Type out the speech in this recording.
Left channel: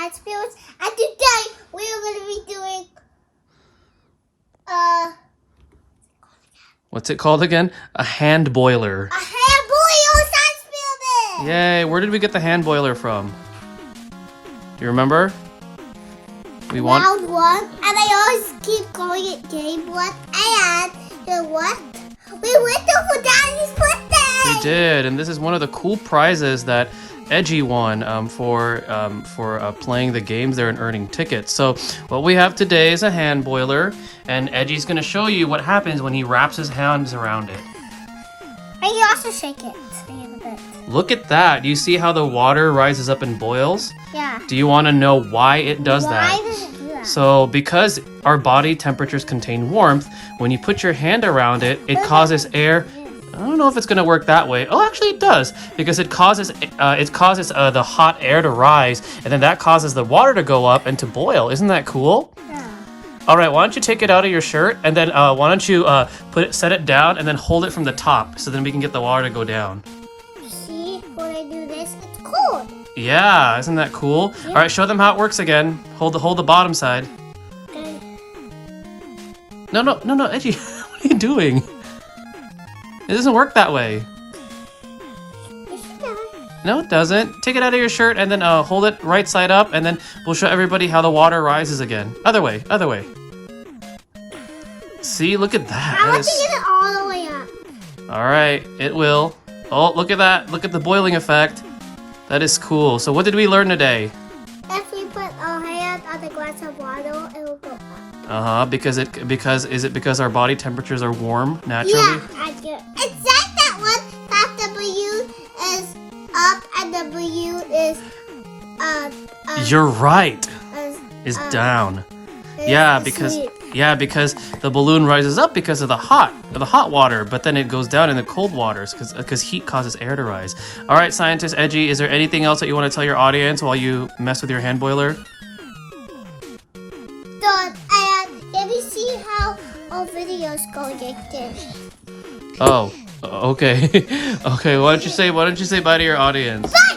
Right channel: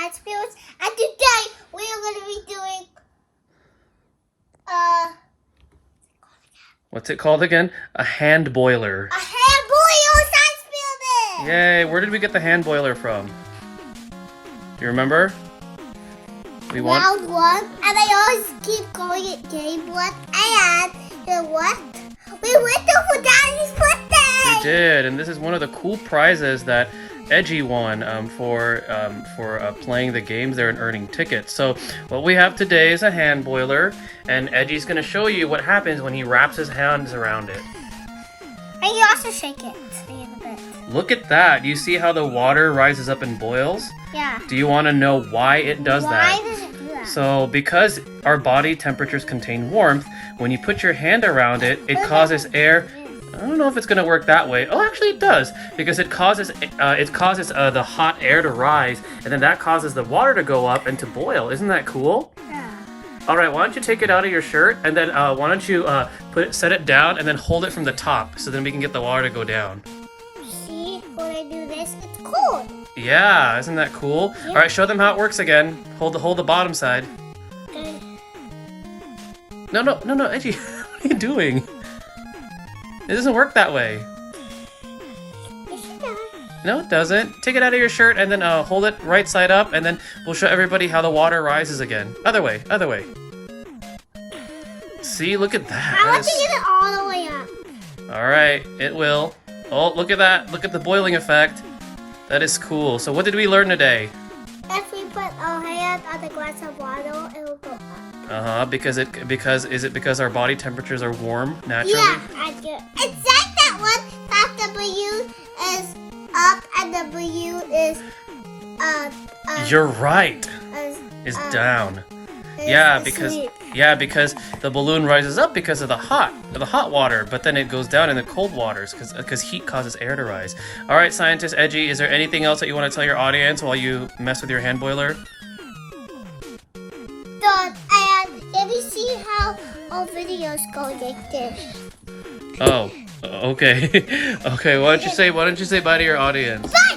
science fields, and today we are going to be doing What's it called again? A hand boiler. a hand boiler science field. Yay! Where did we get the hand boiler from? You remember? Round one, and I always keep calling it game one. And you know what? We went over Daddy's birthday. We did, and this is one of the cool prizes that Edgy won for playing the games there and earning tickets. So what we have today is a hand boiler, and Edgy's going to show you what happens when he wraps his hands around it. And you also shake it a little bit. Look at that. Do you see how the water rises up and boils? Yeah. Do you want to know why it does that? Why does it do that? So because our body temperatures contain warmth, when you put your hand around it, it causes air. I don't know if it's going to work that way. Oh, actually it does, because it causes the hot air to rise, and then that causes the water to go up and to boil. Isn't that cool? Yeah. All right, why don't you take it out of your shirt, and then why don't you set it down and then hold it from the top, so then we can get the water to go down. See, when I do this, it's cold. Yeah, isn't that cool? Yep. All right, show them how it works again. Hold the bottom side. Okay. No, Edgy, what are you doing? It doesn't work that way. Yes, it does. No, it doesn't. Take it out of your shirt and then hold it right side up, and then we'll show everybody how the water rises again. Other way. See, look at that. I want to get it all the way up. All right, it will. Oh, look at that. Look at the boiling effect. That is cool. So what did we learn today? If we put our hand on the glass of water, it will go up. Because our body temperatures are warm naturally? Yeah, I do. It's like that one. That W is up and W is You're right. is Down. Yeah, because the balloon rises up because of the hot water, but then it goes down in the cold waters because heat causes air to rise. All right, scientist Edgy, is there anything else that you want to tell your audience while you mess with your hand boiler? done. And let me see how our videos go like this. Oh, okay. Okay, why don't you say bye to your audience? Bye!